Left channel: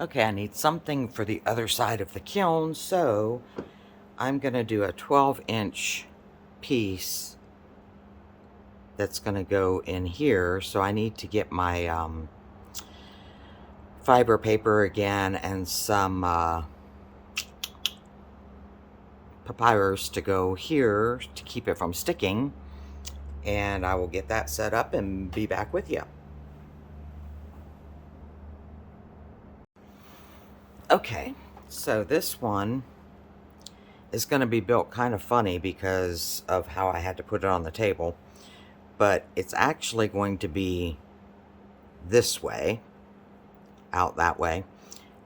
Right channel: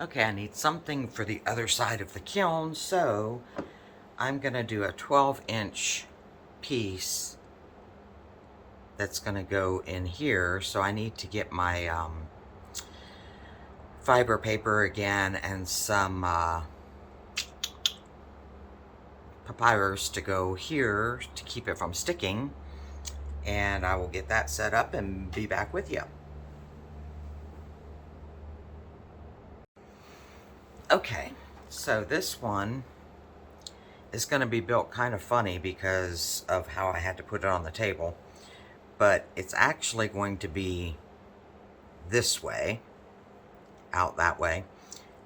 Okay, I need something for the other side of the kiln, so I'm going to do a 12-inch piece that's going to go in here. So I need to get my fiber paper again and some papyrus to go here to keep it from sticking. And I will get that set up and be back with you. Okay, so this one is going to be built kind of funny because of how I had to put it on the table, but it's actually going to be this way, out that way.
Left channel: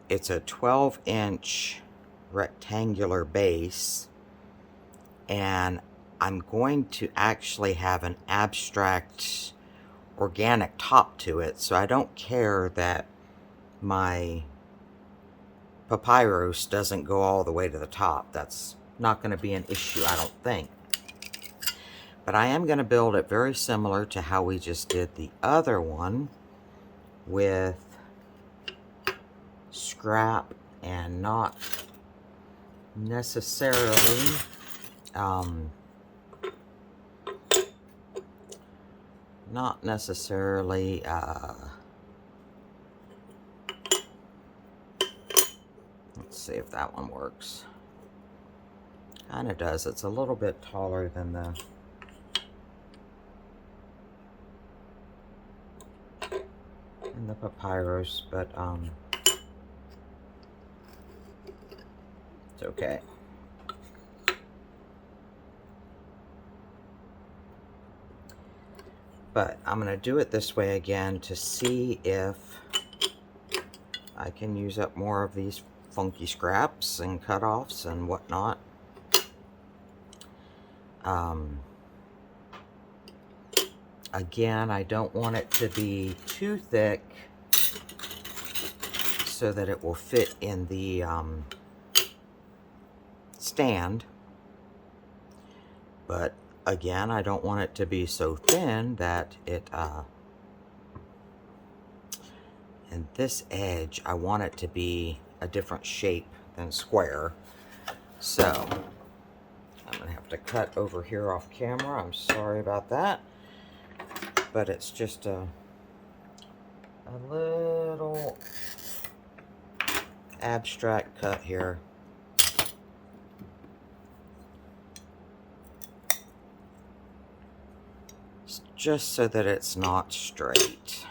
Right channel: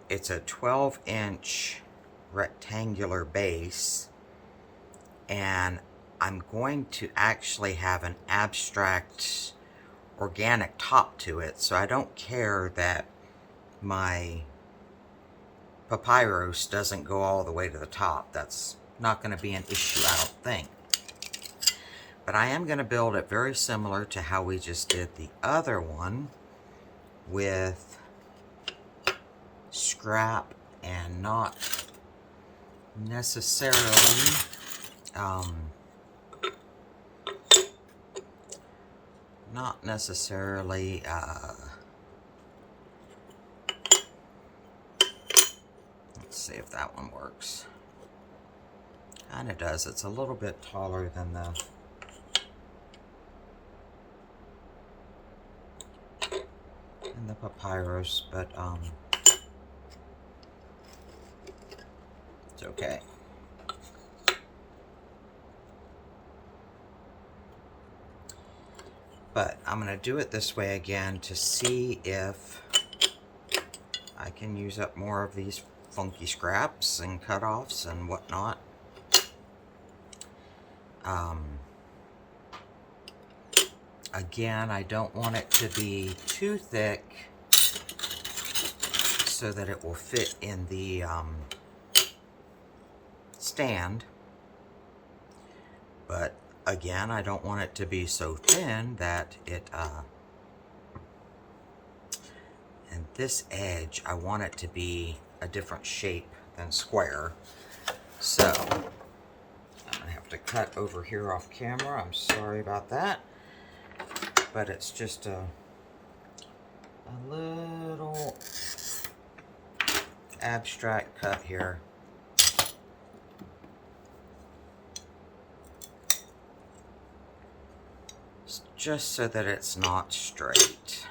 It's a 12-inch rectangular base, and I'm going to actually have an abstract organic top to it, so I don't care that my papyrus doesn't go all the way to the top. That's not going to be an issue, I don't think. But I am going to build it very similar to how we just did the other one, with scrap and not necessarily let's see if that one works. Kind of does. It's a little bit taller than the papyrus, but it's okay. But I'm going to do it this way again to see if I can use up more of these funky scraps and cutoffs and whatnot. Again, I don't want it to be too thick so that it will fit in the stand. But again, I don't want it to be so thin that it and this edge, I want it to be a different shape than square. So I'm gonna have to cut over here off camera. I'm sorry about that, but it's just a little abstract cut here. Just so that it's not straight.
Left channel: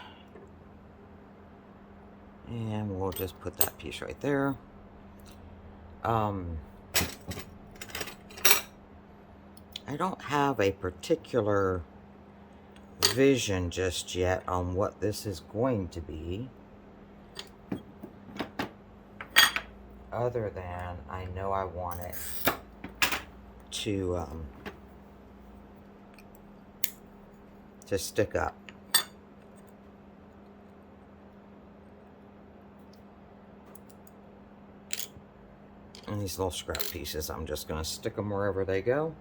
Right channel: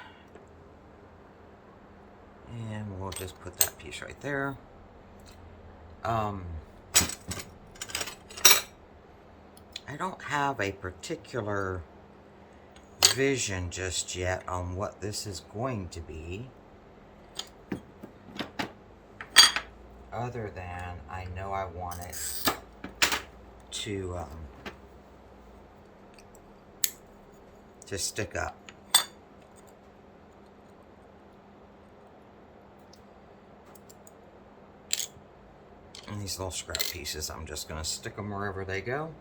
And we'll just put that piece right there. I don't have a particular vision just yet on what this is going to be, other than I know I want it to stick up. And these little scrap pieces, I'm just going to stick them wherever they go.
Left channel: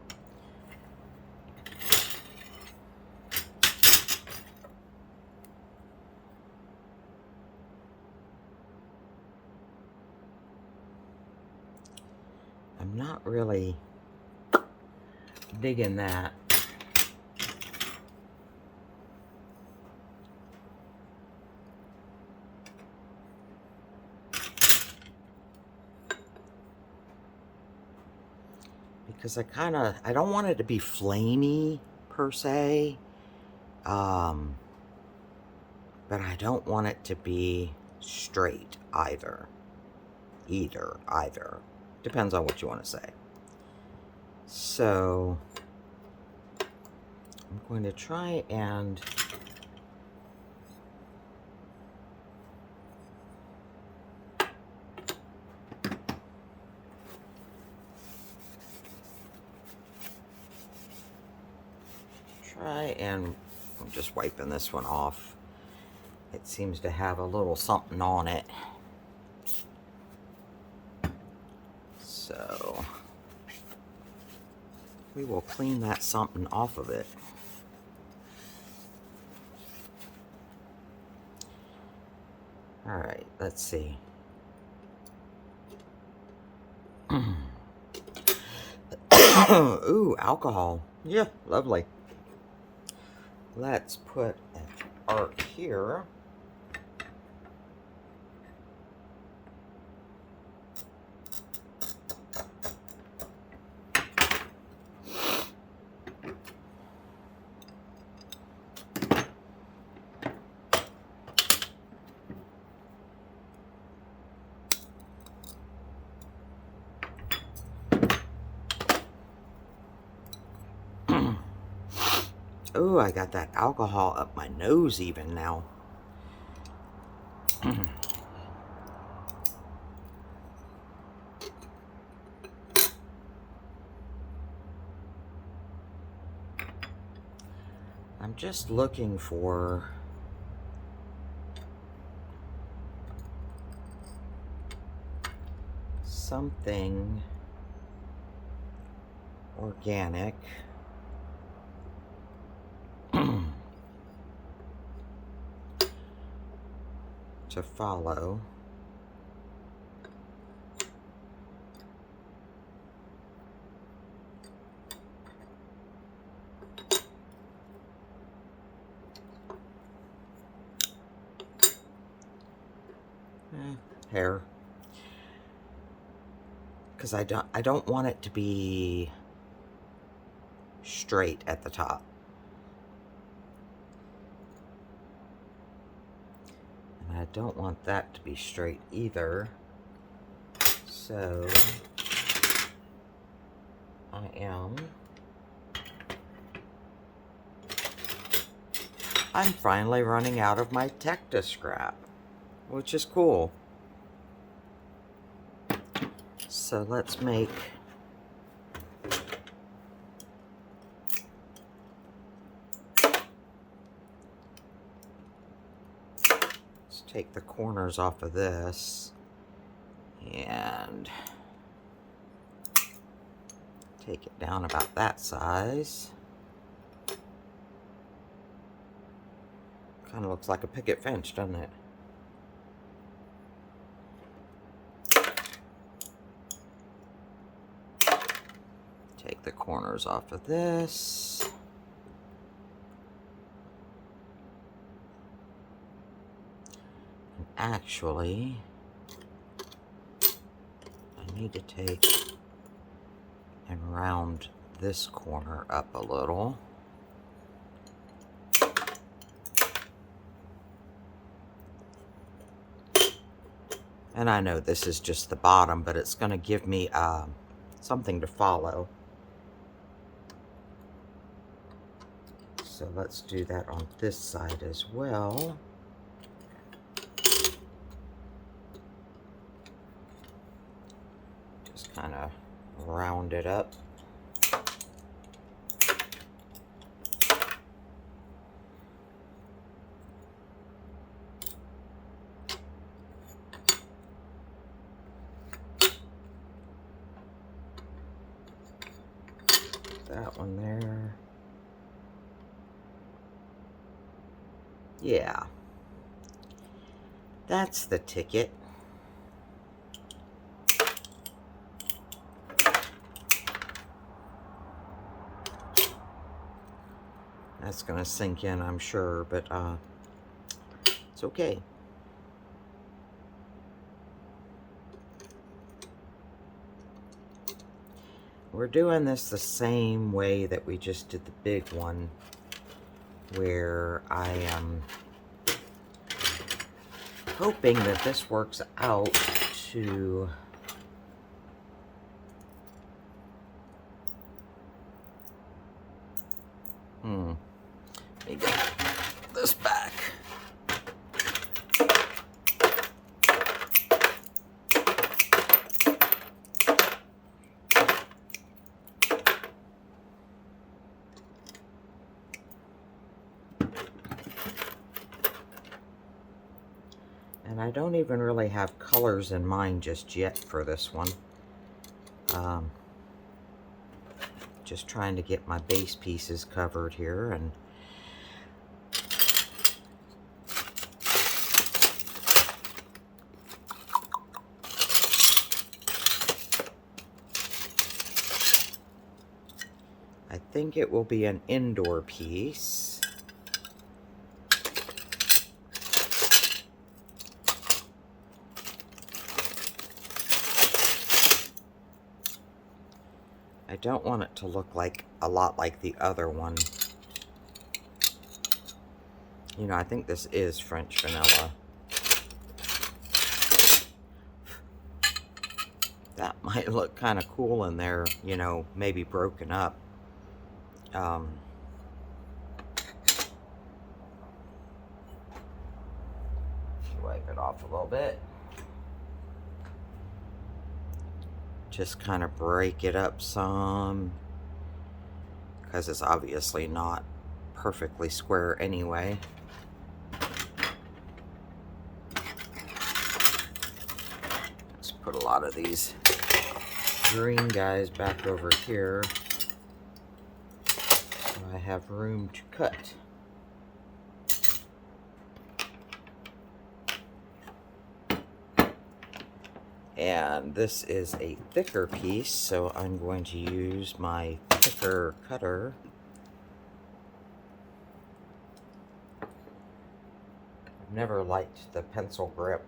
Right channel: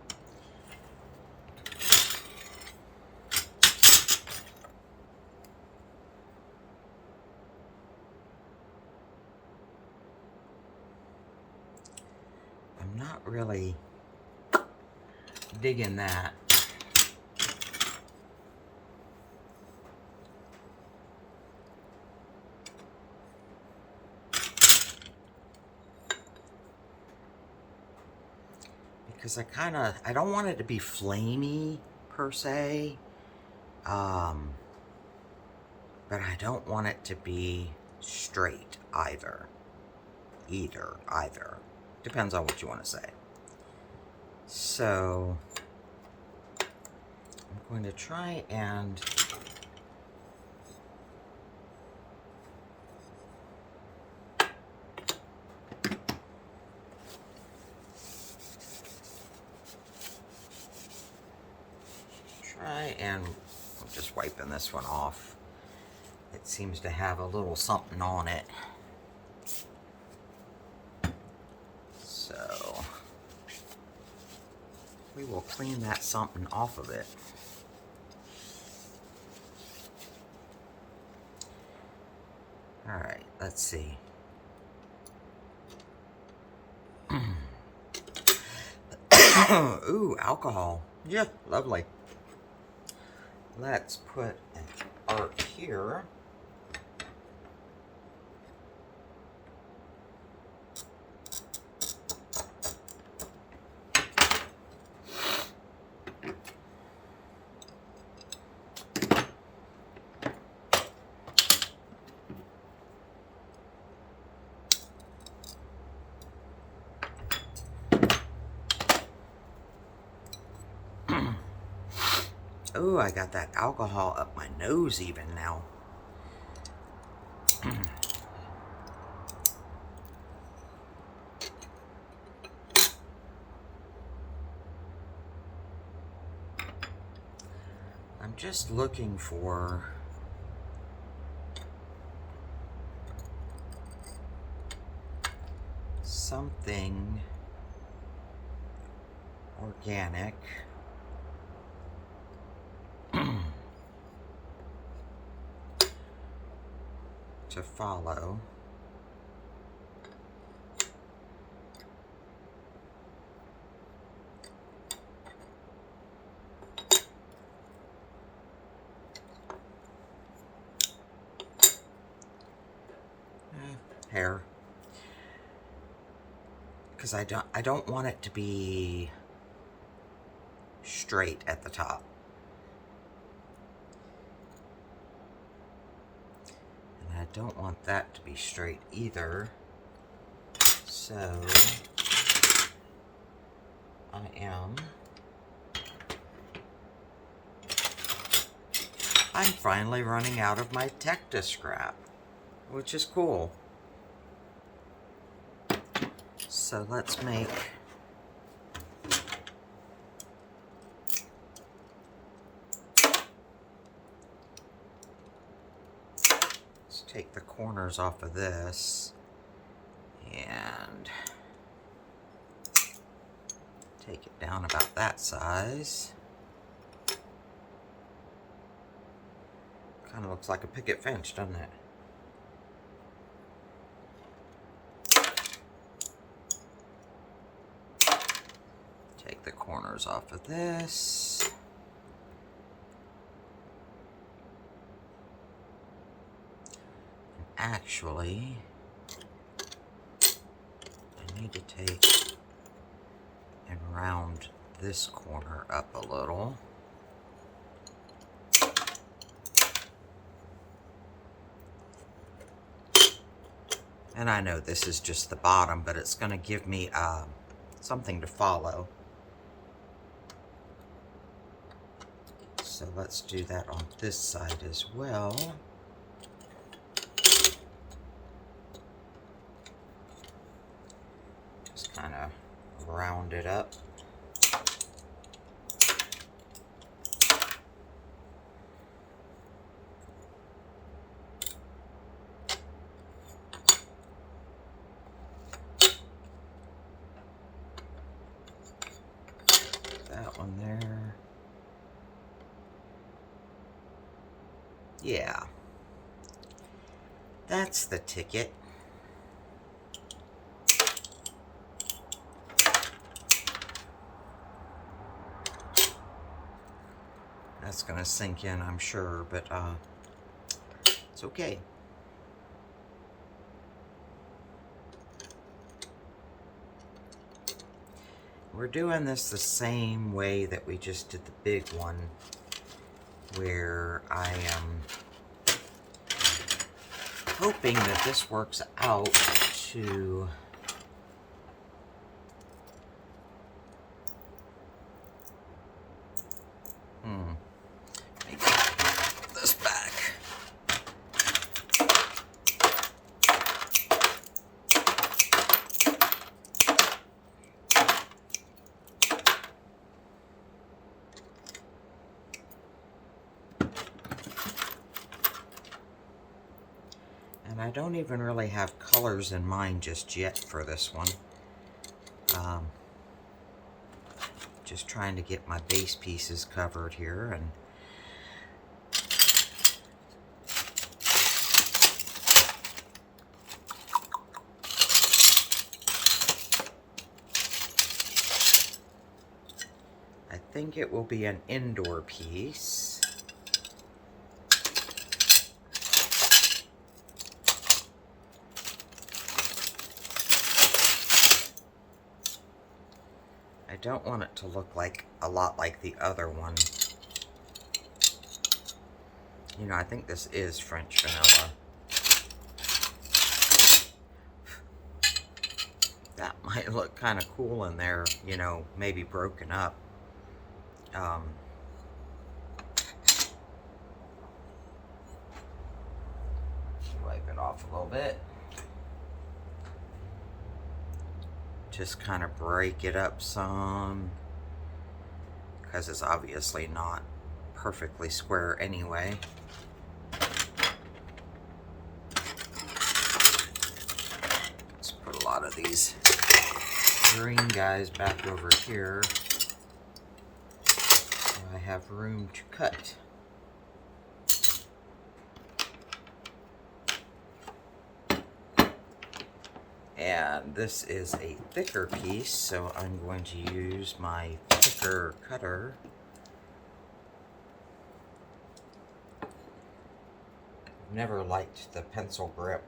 I'm not really digging that. Because I don't want it to be flamey per se, but I don't want it to be straight either. Either. Depends on what you want to say. So I'm going to try and I'm just wiping this one off. It seems to have a little something on it. So we will clean that something off of it. Alright, let's see. Ooh, alcohol. Yeah, lovely. Let's put an art here. Ooh, I got that alcohol up my nose even now. I'm just looking for something organic to follow. Hair, because I don't want it to be straight at the top, and I don't want that to be straight either. So I'm finally running out of my Tecta scrap, which is cool. So let's take the corners off of this and take it down about that size. Kind of looks like a picket fence, doesn't it? Take the corners off of this. And actually, I need to take and round this corner up a little. And I know this is just the bottom, but it's going to give me something to follow. So let's do that on this side as well. Just kind of round it up. That one there. Yeah. That's the ticket. That's gonna sink in, I'm sure, but it's okay. We're doing this the same way that we just did the big one, where I am hoping that this works out to let me get this back. And I don't even really have colors in mind just yet for this one. Just trying to get my base pieces covered here, and think it will be an indoor piece. I don't want it to look like a lot like the other one. You know, I think this is French vanilla. That might look kind of cool in there, you know, maybe broken up. Wipe it off a little bit. Just kind of break it up some, because it's obviously not perfectly square anyway. Let's put a lot of these green guys back over here so I have room to cut. And this is a thicker piece, so I'm going to use my thicker cutter. I've never liked the pencil grip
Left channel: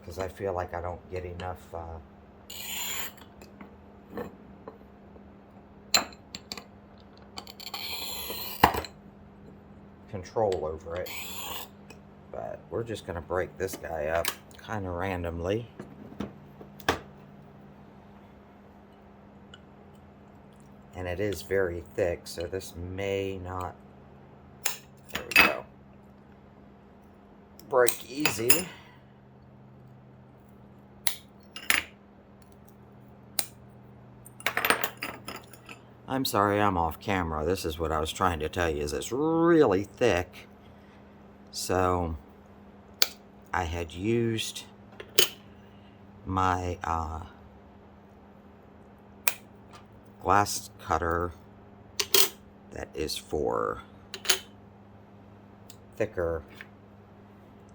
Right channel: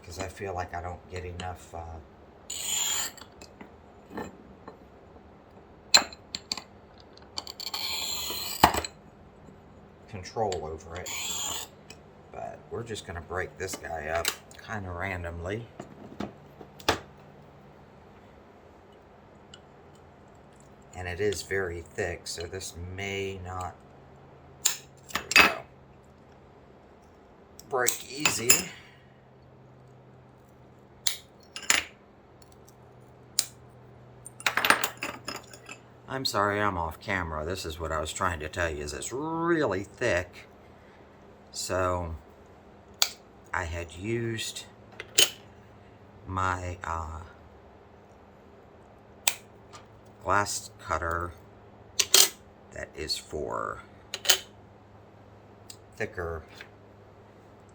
because I feel like I don't get enough control over it. But we're just going to break this guy up kind of randomly. And it is very thick, so this may not, there we go, break easy. I'm sorry I'm off camera. This is what I was trying to tell you, is it's really thick. So I had used my glass cutter that is for thicker.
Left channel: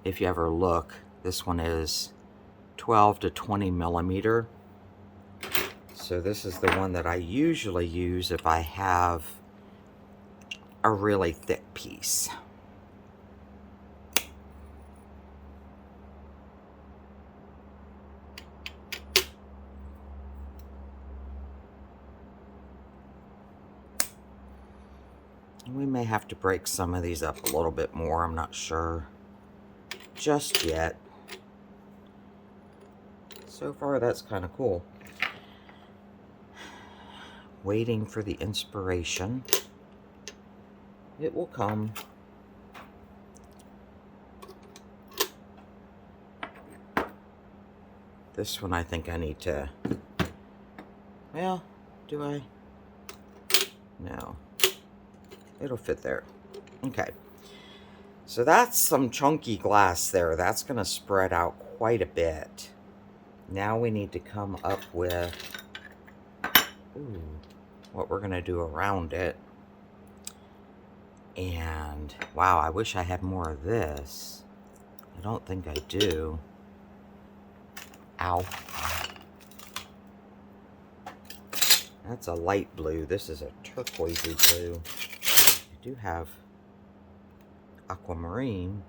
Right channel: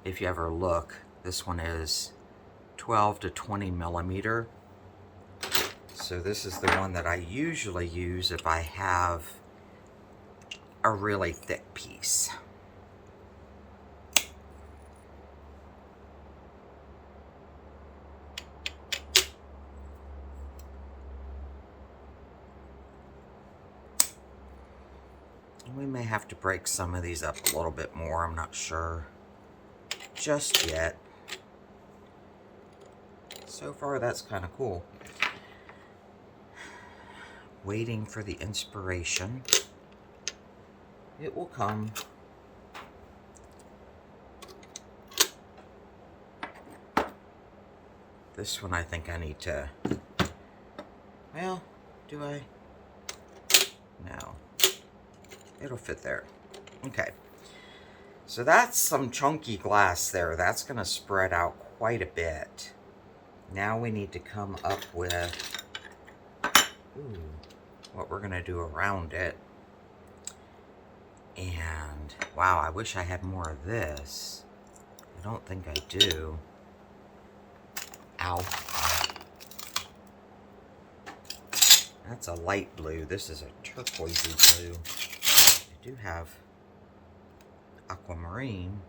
If you ever look, this one is 12 to 20 millimeter. So this is the one that I usually use if I have a really thick piece. We may have to break some of these up a little bit more. I'm not sure just yet. So far, that's kind of cool. Waiting for the inspiration. It will come. This one I think I need to, well, do I? No. It'll fit there. Okay. So that's some chunky glass there. That's going to spread out quite a bit. Now we need to come up with what we're going to do around it. And, wow, I wish I had more of this. I don't think I do. Ow. That's a light blue. This is a turquoisey blue. I do have aquamarine.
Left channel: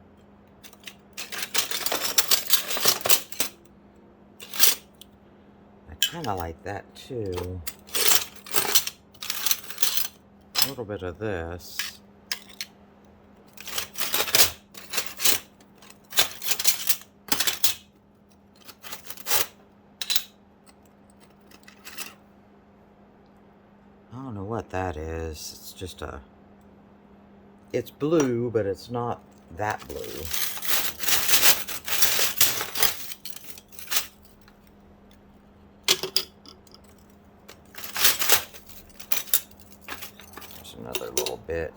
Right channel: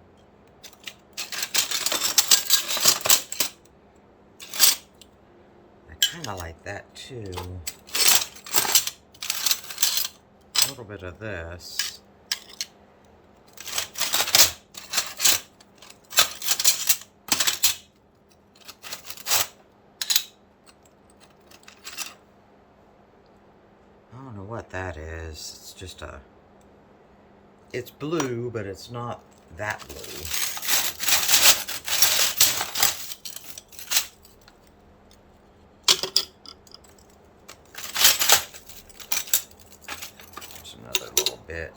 I kind of like that too. A little bit of this. I don't know what that is. It's just a... It's blue, but it's not that blue. There's another little bit.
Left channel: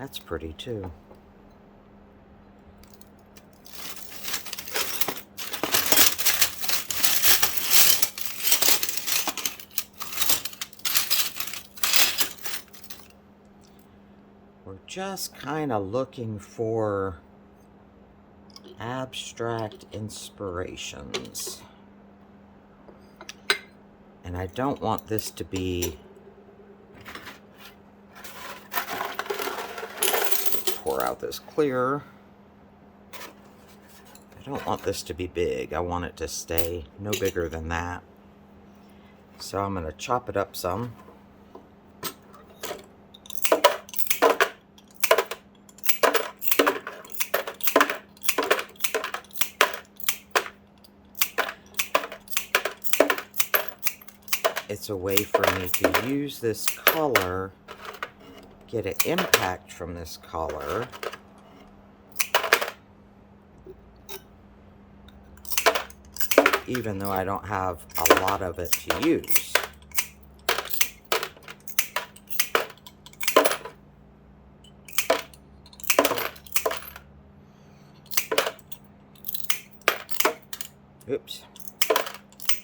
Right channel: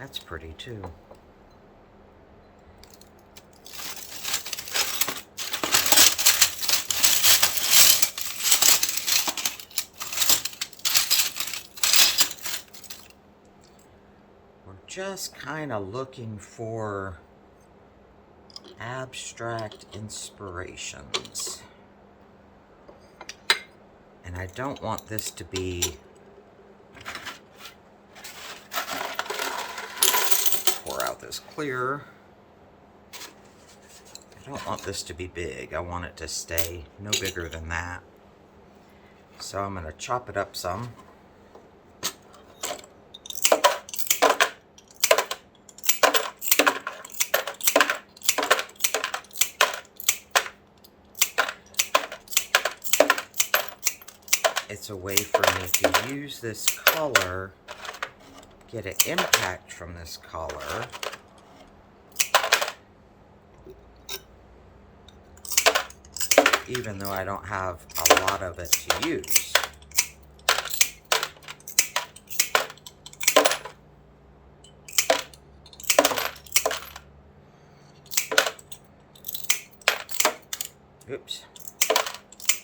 That's pretty too. Just kind of looking for abstract inspirations. And I don't want this to be, pour out this clear. I don't want this to be big. I want it to stay no bigger than that. So I'm going to chop it up some. It's a way for me to use this color, get an impact from this color, even though I don't have a lot of it to use. Oops.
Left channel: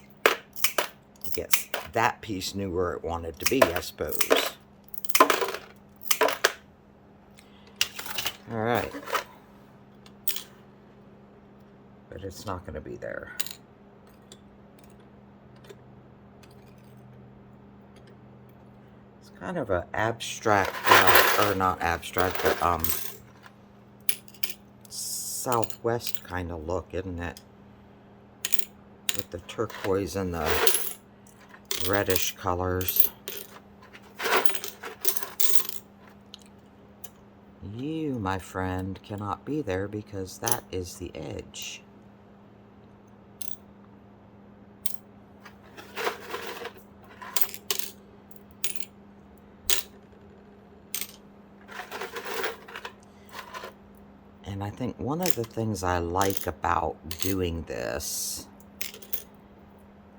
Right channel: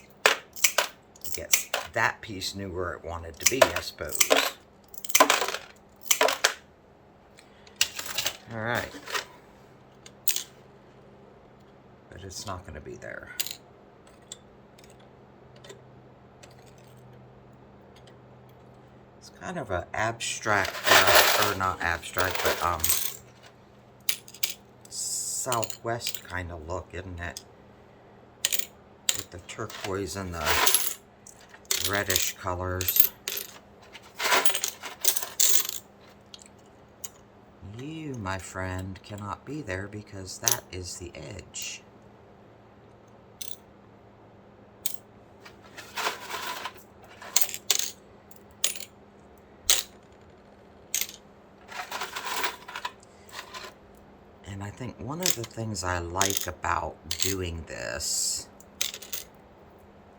I guess that piece knew where it wanted to be, I suppose. All right. But it's not going to be there. It's kind of an abstract, or not abstract, but Southwest kind of look, isn't it? With the turquoise and the reddish colors. You, my friend, cannot be there because that is the edge. And I think one of the things I like about doing this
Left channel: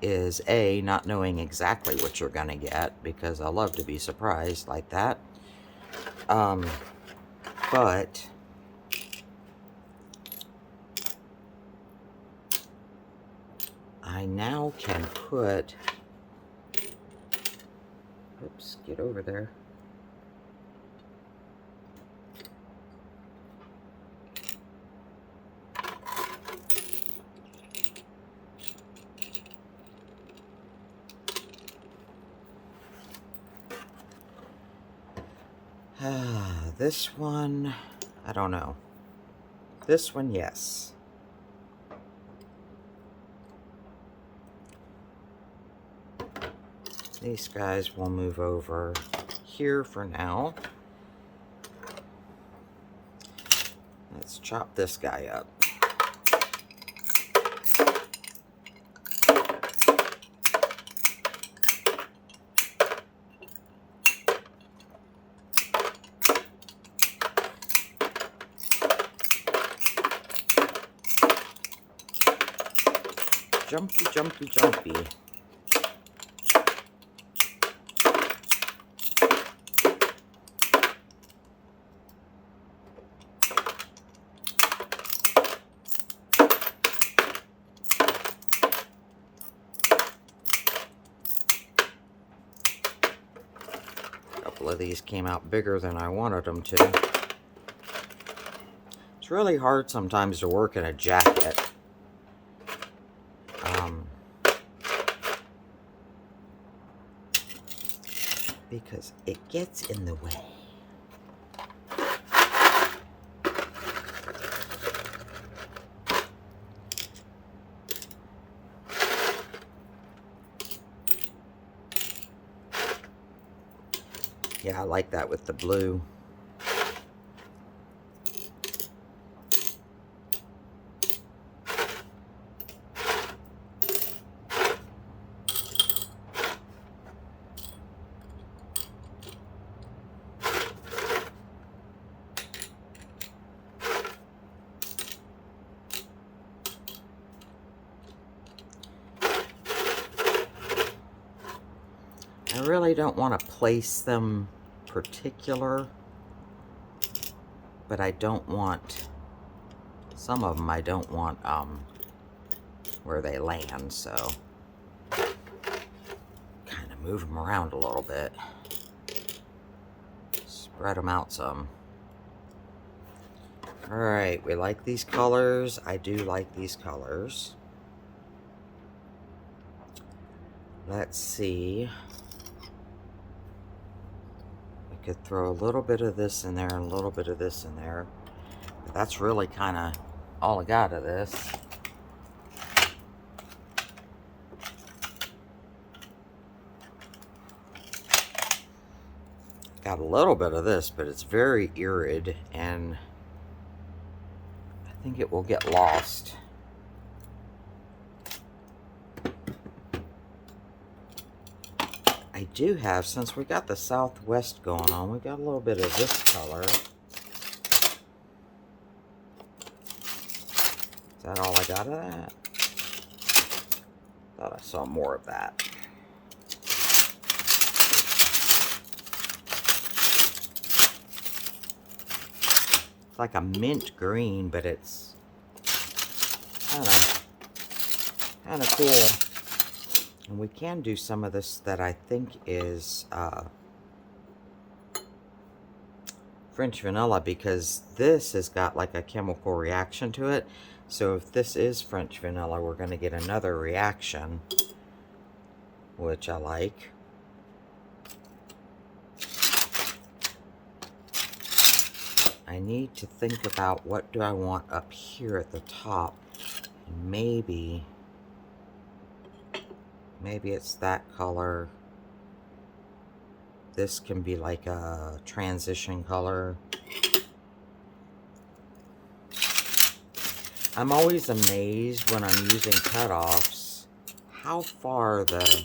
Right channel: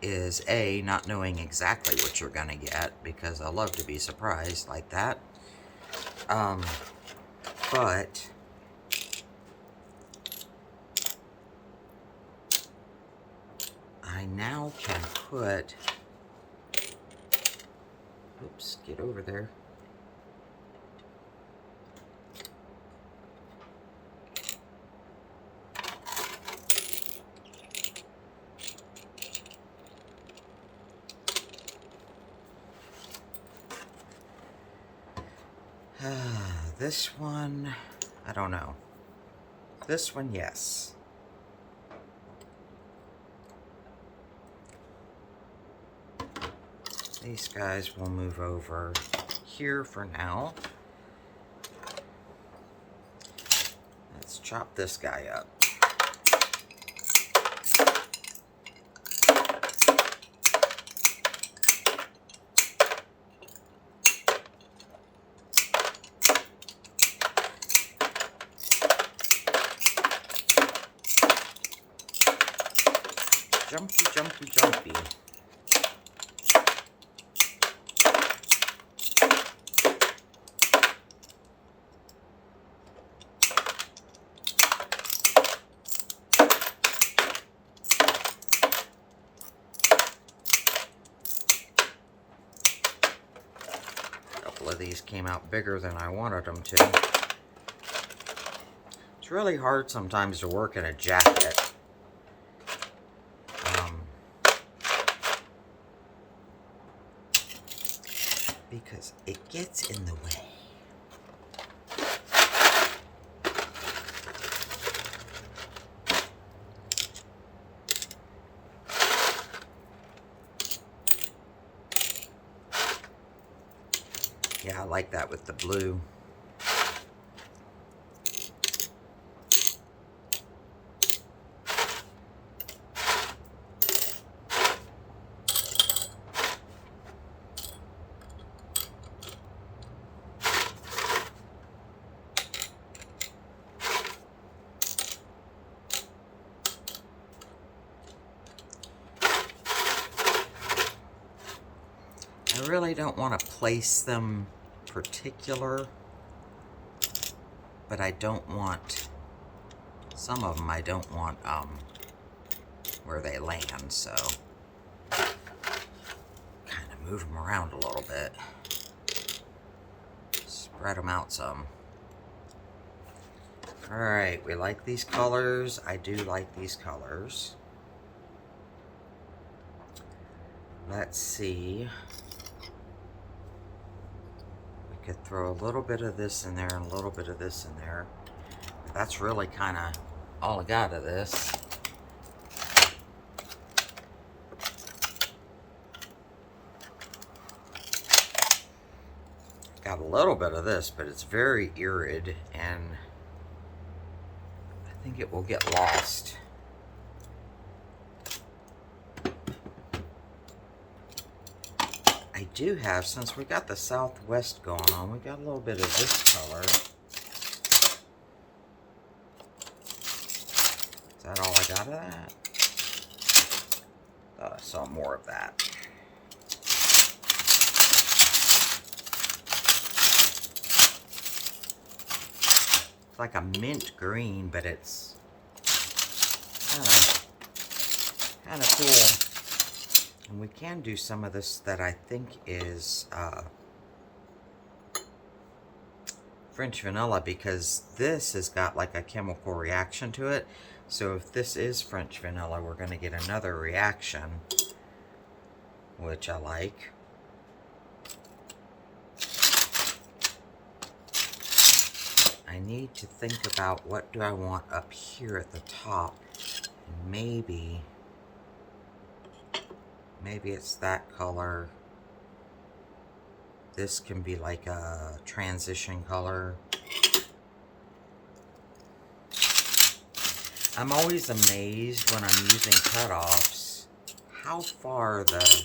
is A, not knowing exactly what you're gonna get, because I love to be surprised like that. But I now can put, oops, get over there. This one, I don't know. This one, yes. These guys will move over here for now. Let's chop this guy up. Jumpy, jumpy, jumpy. A couple of these came out bigger than I wanted them to. It's really hard sometimes to work in a jacket. Because it gets in the way. Yeah, I like that with the blue. I really don't want to place them particular, but I don't want, some of them I don't want where they land, so kind of move them around a little bit, spread them out some. Alright, we like these colors. I do like these colors. Let's see. We could throw a little bit of this in there and a little bit of this in there. But that's really kind of all I got of this. Got a little bit of this, but it's very irid, and I think it will get lost. I do have, since we got the southwest going on, we got a little bit of this color. Is that all I got of that? Thought I saw more of that. It's like a mint green, but it's kind of cool. And we can do some of this that I think is French vanilla, because this has got like a chemical reaction to it. So if this is French vanilla, we're going to get another reaction, which I like. I need to think about what do I want up here at the top. And maybe it's that color. This can be like a transition color. I'm always amazed when I'm using cutoffs how far the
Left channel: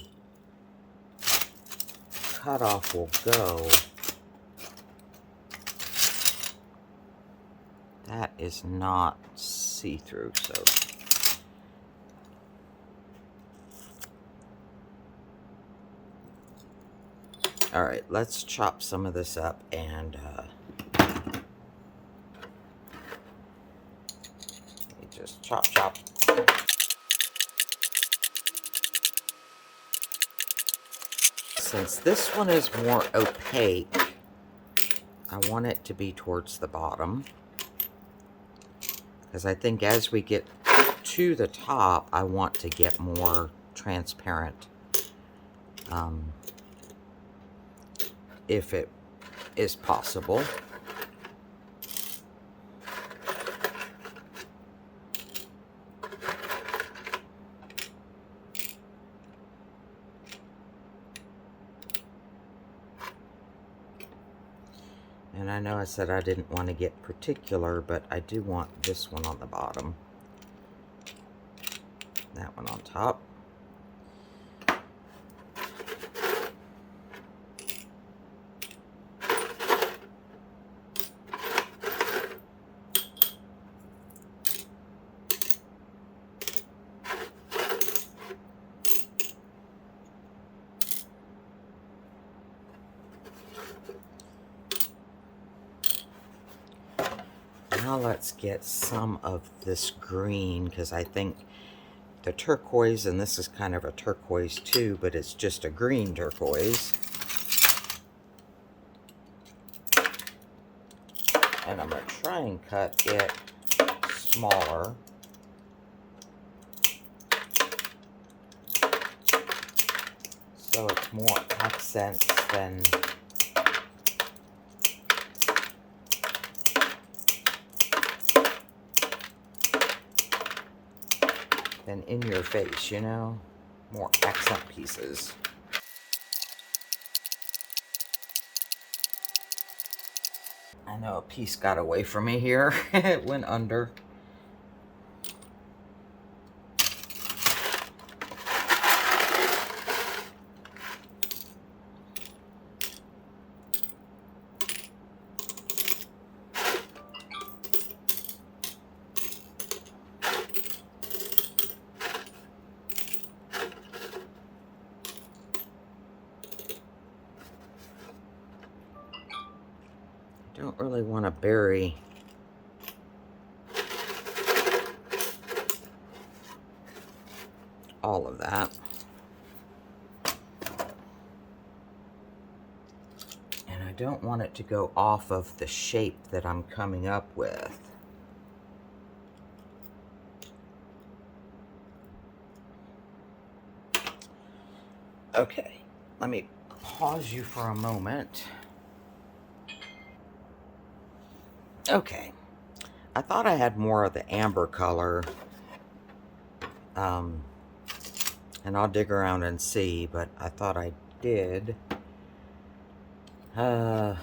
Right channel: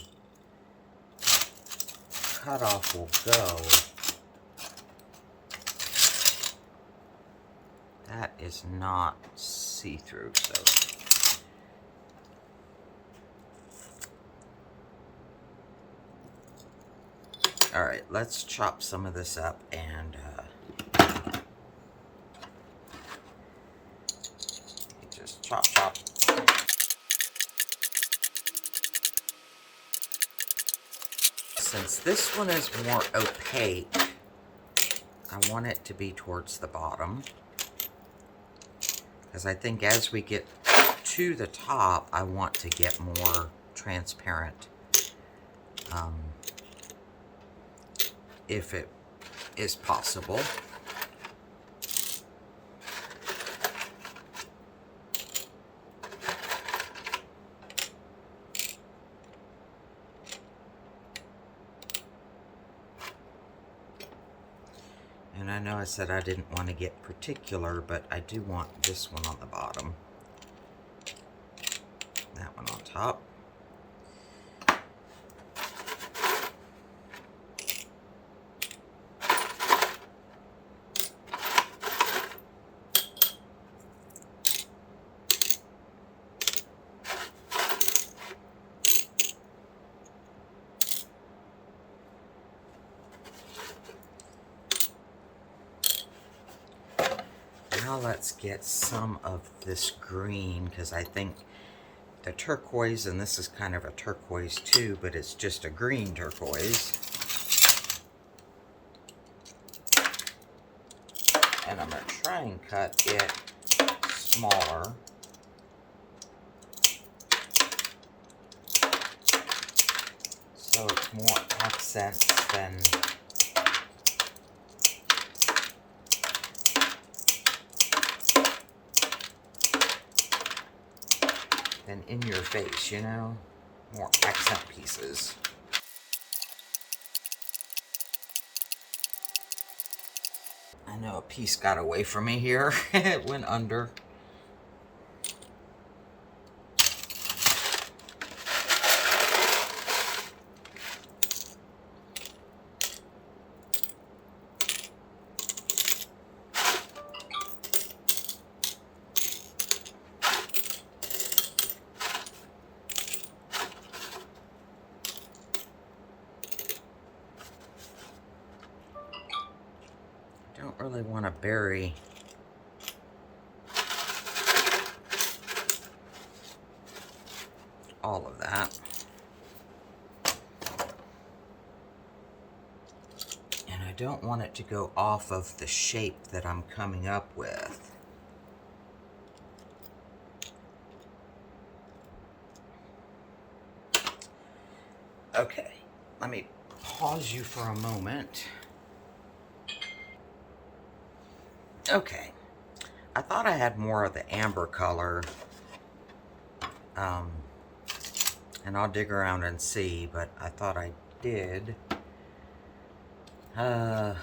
cutoff will go. That is not see-through, so alright, let's chop some of this up and just chop. Since this one is more opaque, I want it to be towards the bottom, because I think as we get to the top, I want to get more transparent. If it is possible. And I know I said I didn't want to get particular, but I do want this one on the bottom. That one on top. Now let's get some of this green, because I think the turquoise, and this is kind of a turquoise too, but it's just a green turquoise. And I'm going to try and cut it smaller. So it's more accents than in your face, you know? More accent pieces. I know a piece got away from me here. It went under. Don't really want to bury all of that. And I don't want it to go off of the shape that I'm coming up with. Okay, let me pause you for a moment. Okay, I thought I had more of the amber color, and I'll dig around and see, but I thought I did. Might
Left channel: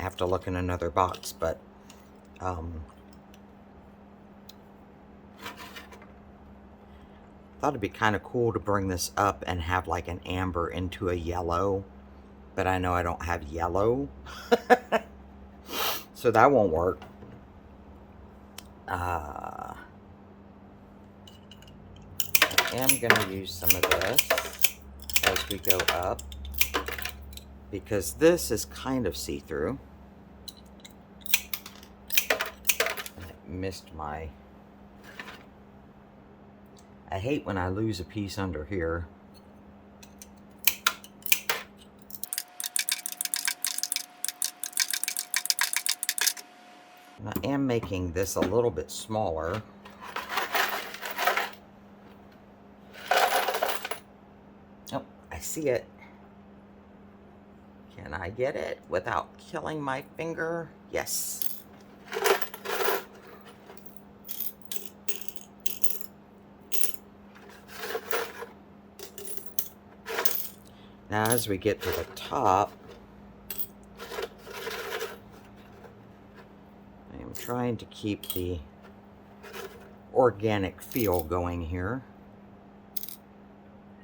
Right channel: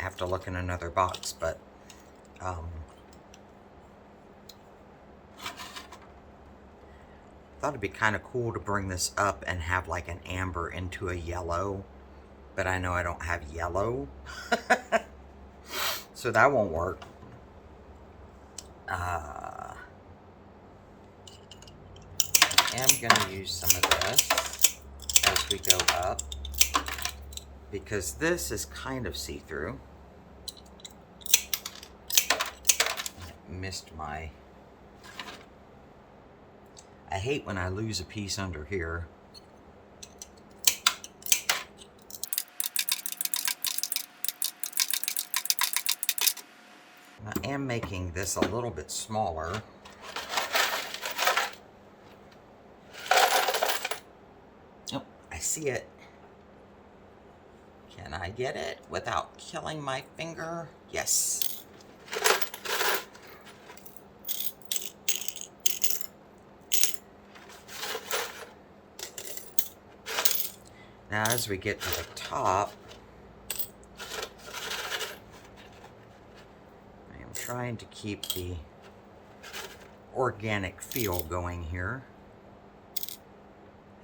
have to look in another box, but thought it'd be kind of cool to bring this up and have like an amber into a yellow, but I know I don't have yellow, so that won't work. I am going to use some of this as we go up, because this is kind of see-through. Missed my... I hate when I lose a piece under here. I am making this a little bit smaller. Oh, I see it. Can I get it without killing my finger? Yes. Now, as we get to the top, I am trying to keep the organic feel going here.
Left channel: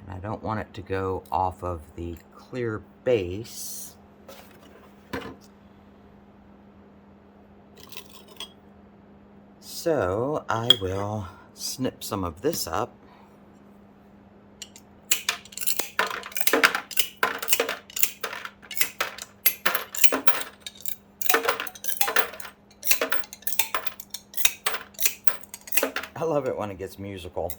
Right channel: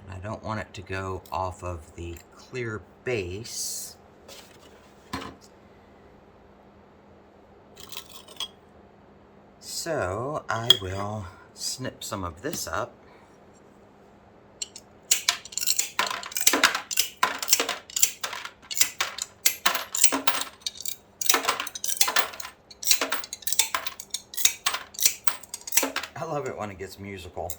And I don't want it to go off of the clear base. So I will snip some of this up. I love it when it gets musical.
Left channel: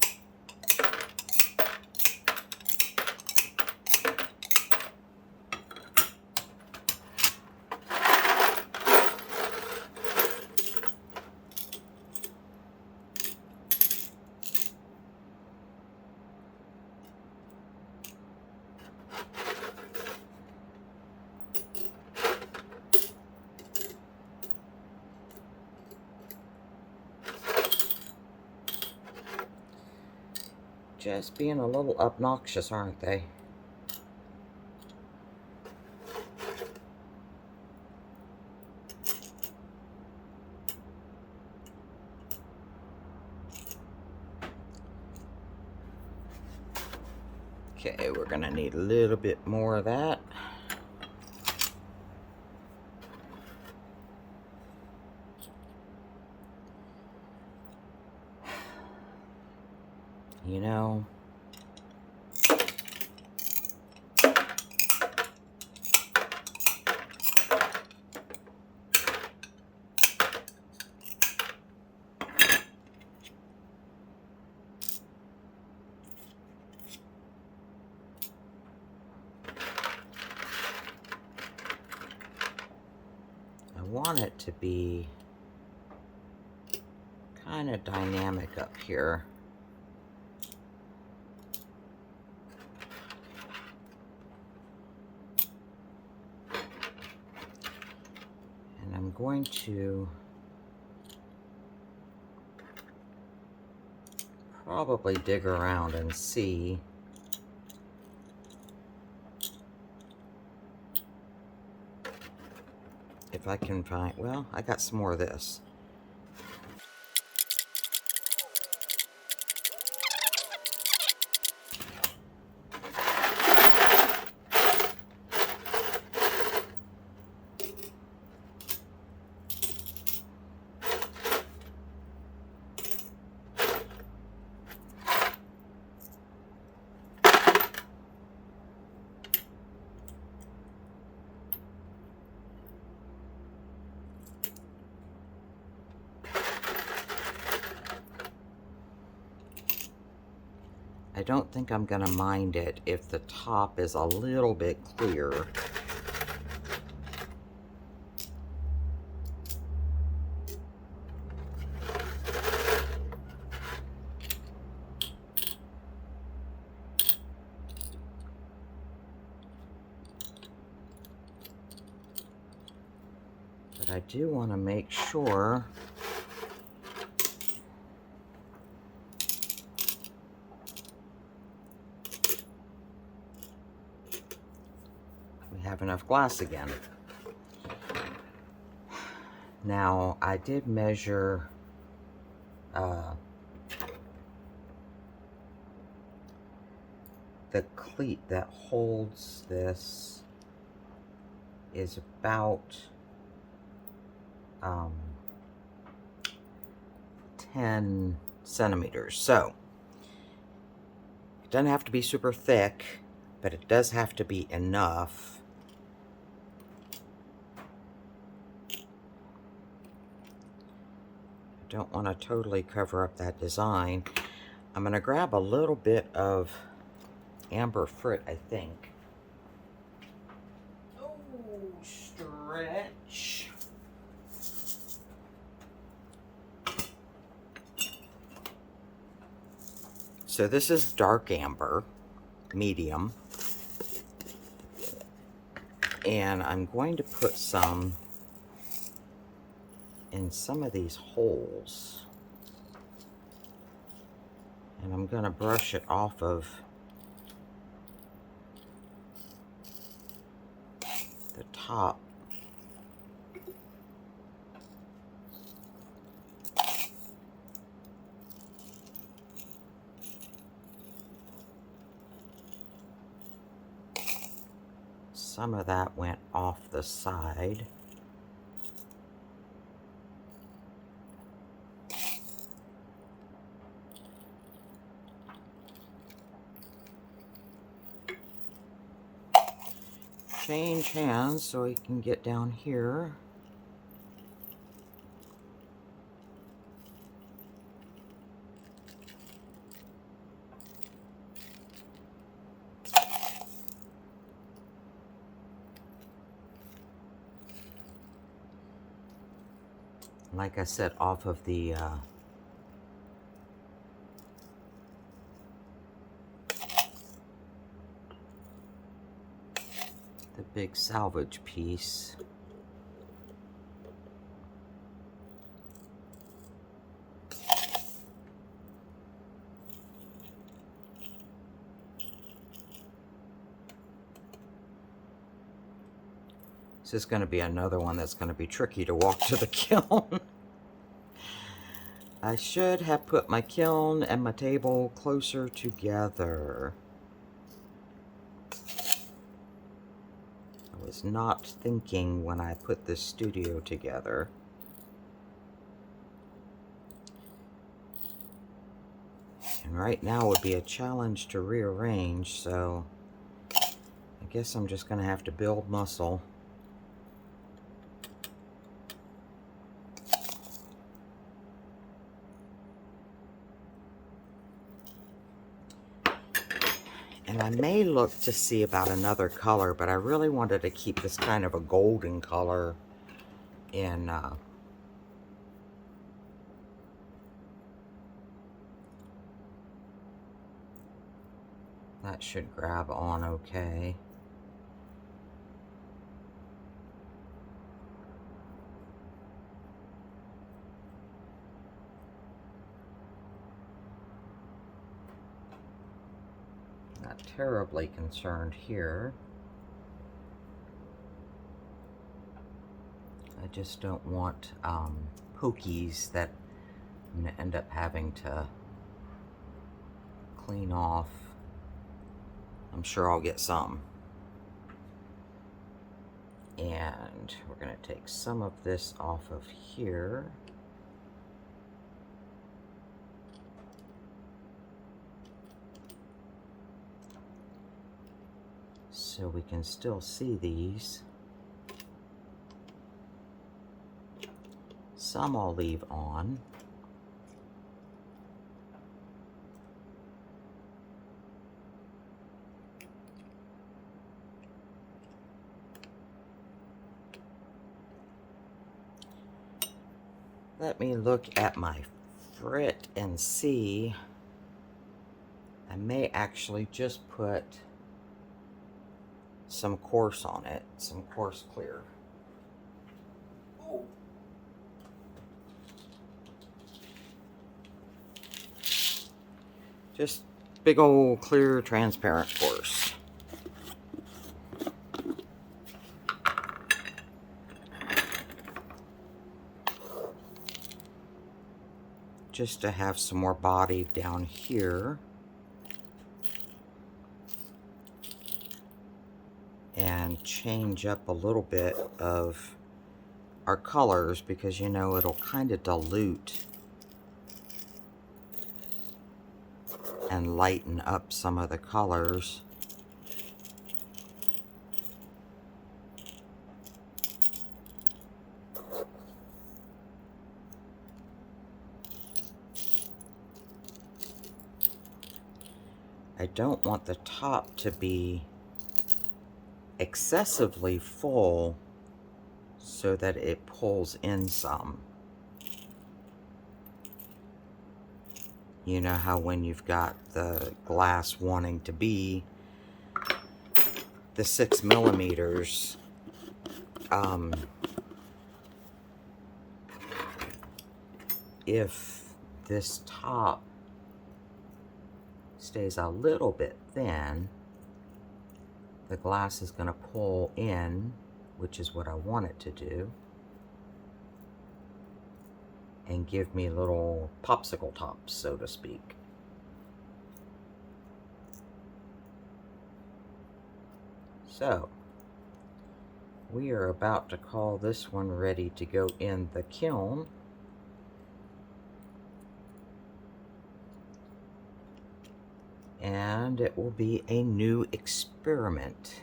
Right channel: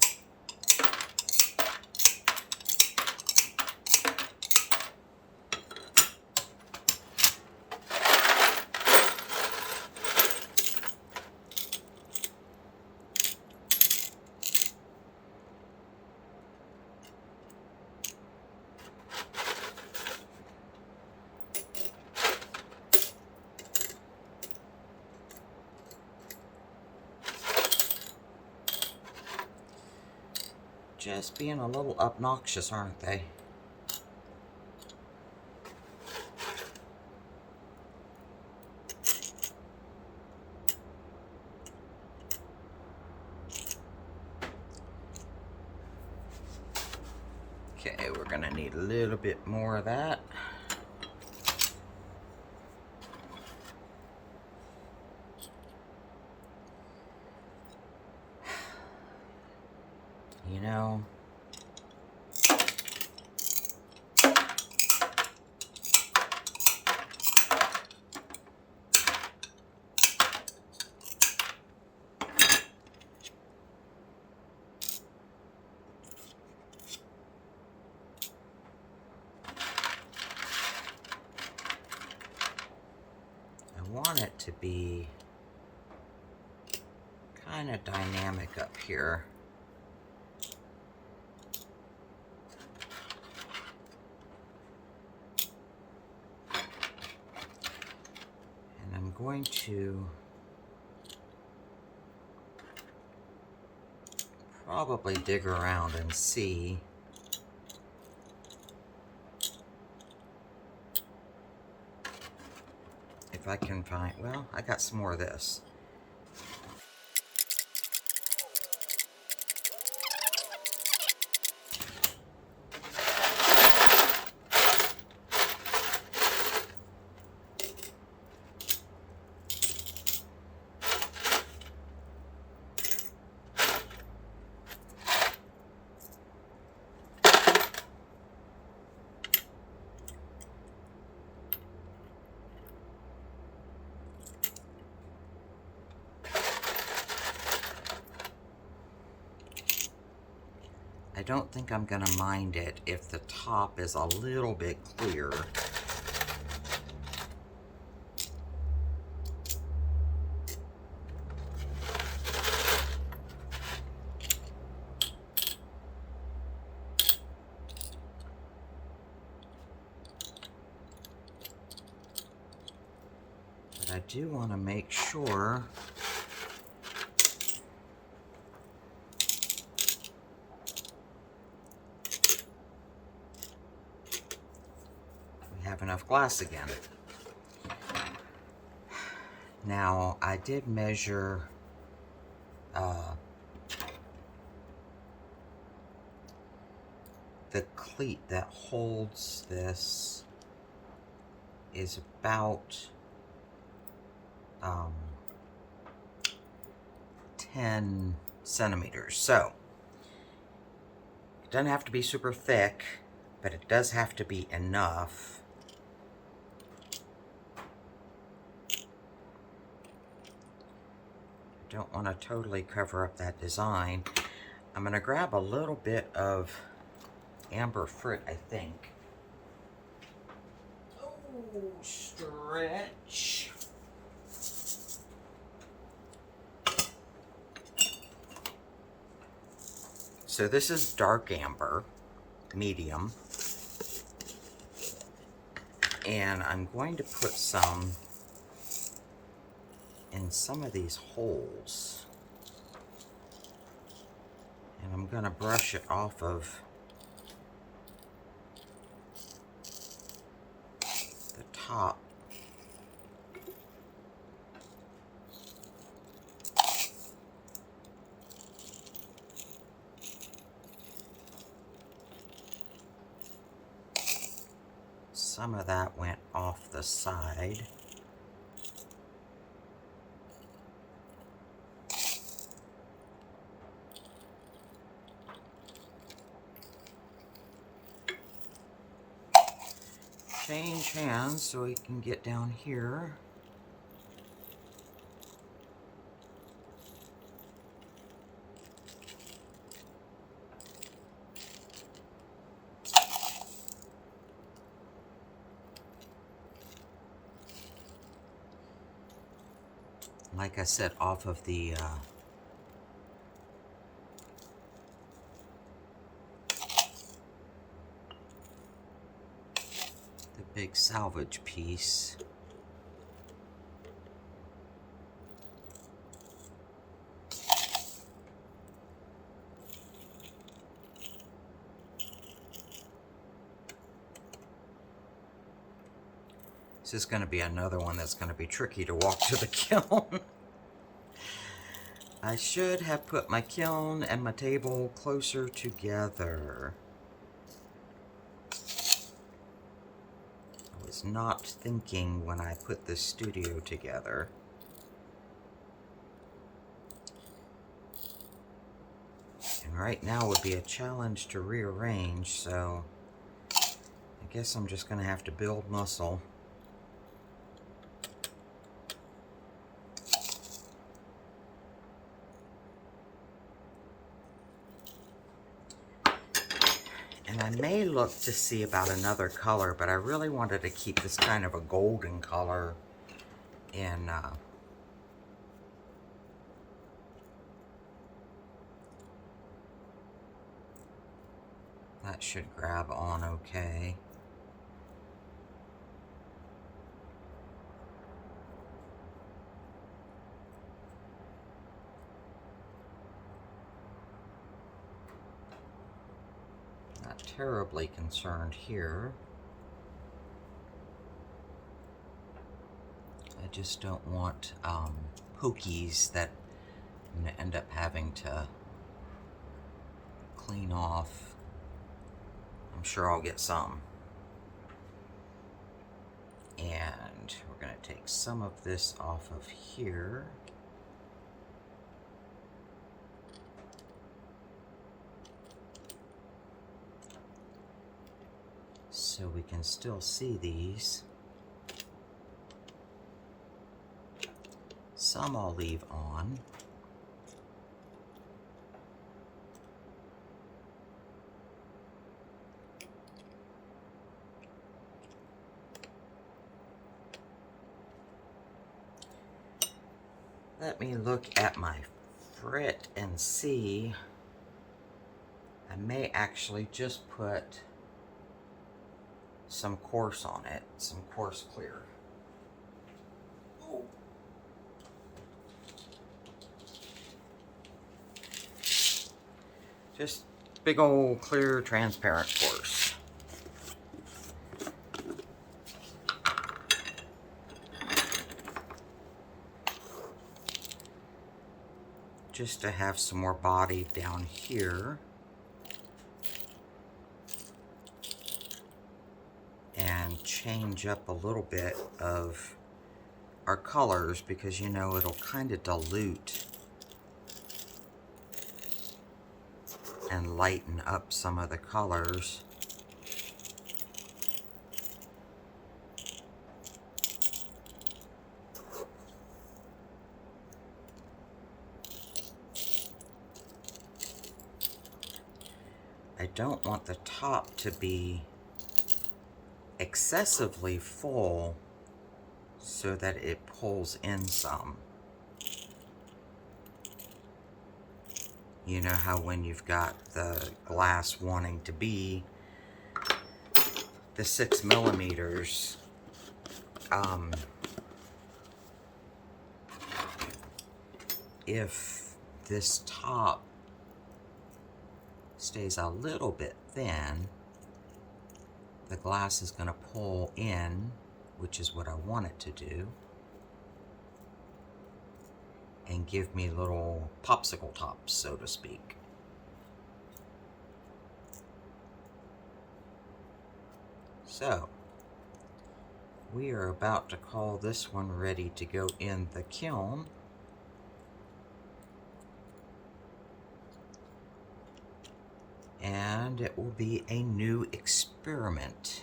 Just being a little obnoxious, aren't they? Okay, we're gonna need a little bit more of that. You know, I want it to be kind of dynamic up here. I'm going to probably dig around and see if I can find, well, I got some more of this. I don't think I'm going to mind it if the top is a little bit clear. But I do want to make sure we have enough glass again. Now, I did measure the cleat that holds this is about 10 centimeters. So, it doesn't have to be super thick, but it does have to be enough. I don't want to totally cover up that design. I'm going to grab a little bit of amber frit, I think. Oh, stretch. So this is dark amber, medium. And I'm going to put some in some of these holes. And I'm going to brush it off of the top. Some of that went off the side. Change hands so we can get down here. Like I said, off of the big salvage piece. This is going to be another one that's going to be tricky to walk to the kiln. I should have put my kiln and my table closer together. I was not thinking when I put this studio together. And right now would be a challenge to rearrange, so I guess I'm just going to have to build muscle. And I may look to see about another color, but I really wanted to keep this kind of a golden color in that should grab on okay. Not terribly concerned here. I just don't want pokies that I'm going to end up having to clean off. I'm sure I'll get some. And we're going to take some of this off of here. So we can still see these. Some I'll leave on. Let me look at my frit and see. I may actually just put some coarse on it, some coarse clear. Oh, Just big old clear transparent course. Just to have some more body down here. And change up a little bit of our colors, because you know it'll kind of dilute and lighten up some of the colors. I don't want the top to be excessively full so that it pulls in some. You know how when you've got the glass wanting to be the 6 millimeters, if this top stays a little bit thin, the glass is going to pull in, which is what I want it to do, and give me little popsicle tops, so to speak. So, we are about to call this one ready to go in the kiln. And it will be a new experiment.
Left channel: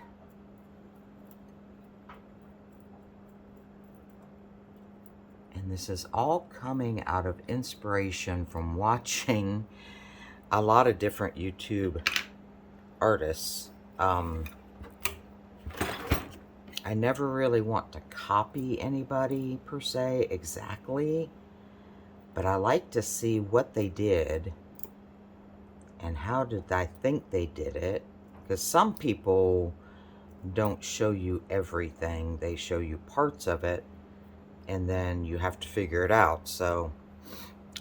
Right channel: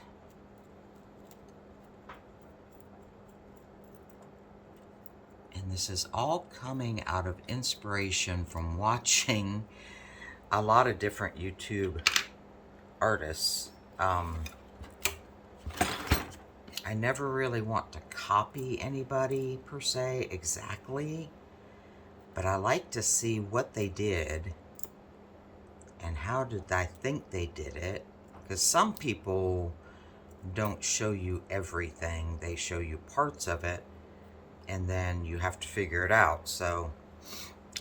And this is all coming out of inspiration from watching a lot of different YouTube artists. I never really want to copy anybody per se exactly, but I like to see what they did and how did I think they did it, because some people don't show you everything. They show you parts of it, and then you have to figure it out. So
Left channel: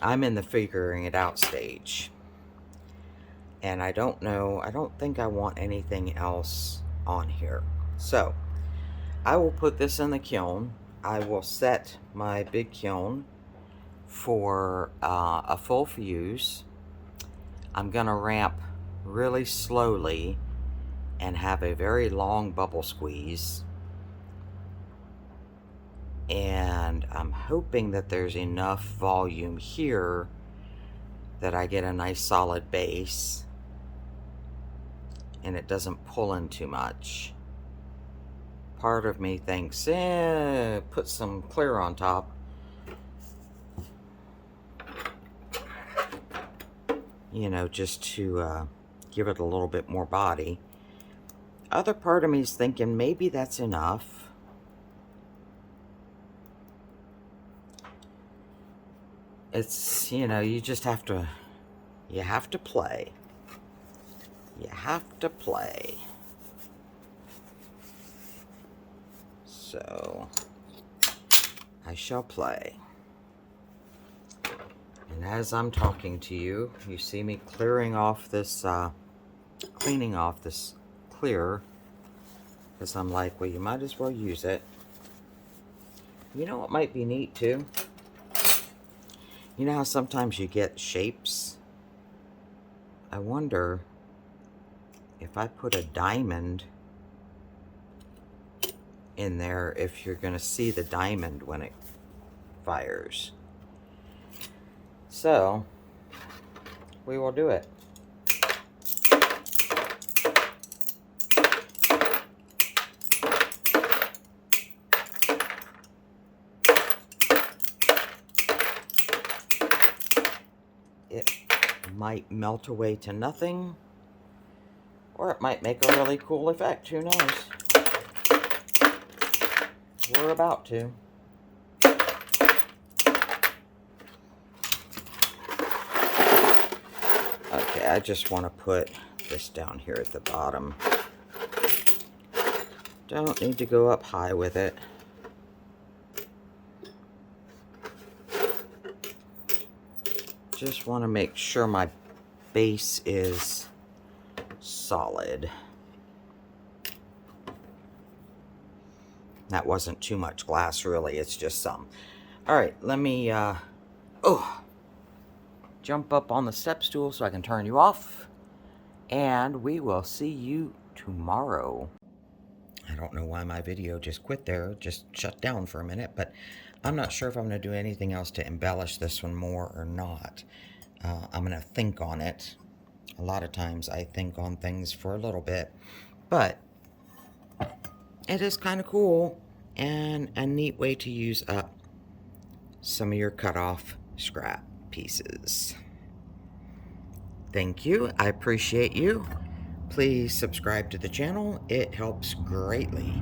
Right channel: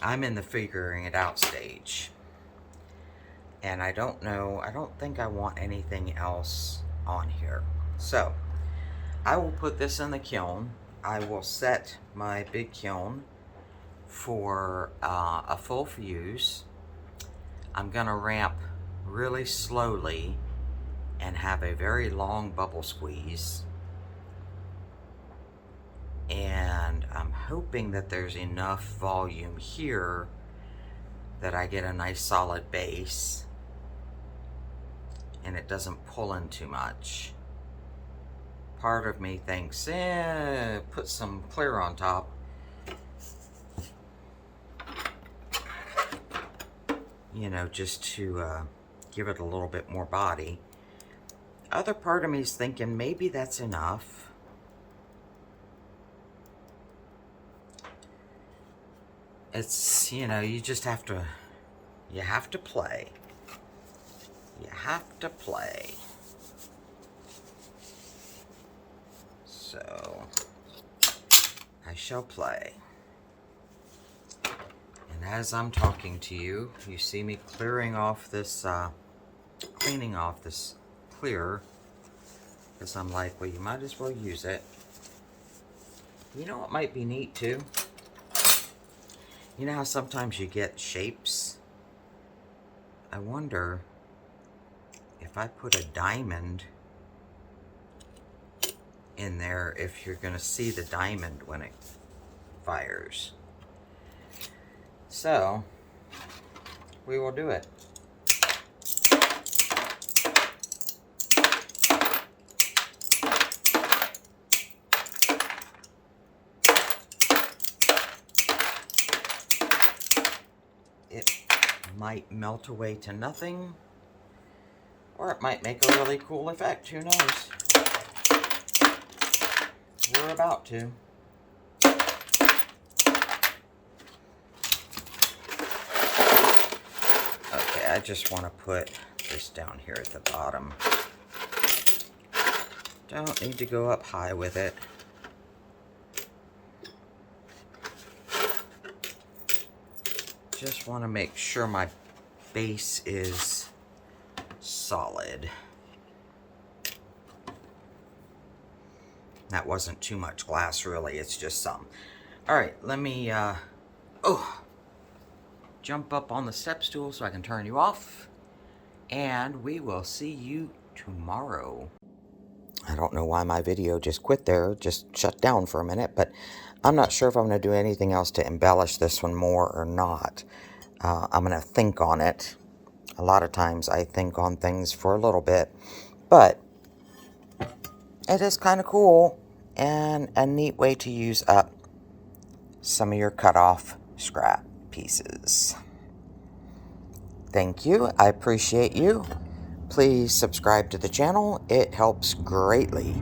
I'm in the figuring it out stage. And I don't know, I don't think I want anything else on here. So I will put this in the kiln. I will set my big kiln for a full fuse. I'm gonna ramp really slowly and have a very long bubble squeeze. And I'm hoping that there's enough volume here that I get a nice solid base and it doesn't pull in too much. Part of me thinks, put some clear on top. You know, just to give it a little bit more body. Other part of me is thinking maybe that's enough. It's, you know, you just have to, you have to play. You have to play. So, I shall play. And as I'm talking to you, you see me clearing off this, cleaning off this clear, because I'm like, well, you might as well use it. You know what might be neat too? You know how sometimes you get shapes? I wonder if I put a diamond in there, if you're going to see the diamond when it fires. So, we will do it. It might melt away to nothing, or it might make a really cool effect. Who knows? We're about to. Okay, I just want to put this down here at the bottom. Don't need to go up high with it. Just want to make sure my base is solid. That wasn't too much glass, really. It's just some. All right, let me jump up on the step stool so I can turn you off. And we will see you tomorrow. I don't know why my video just quit there, just shut down for a minute, but I'm not sure if I'm going to do anything else to embellish this one more or not. I'm going to think on it. A lot of times I think on things for a little bit, but it is kind of cool and a neat way to use up some of your cut-off scrap pieces. Thank you. I appreciate you. Please subscribe to the channel. It helps greatly.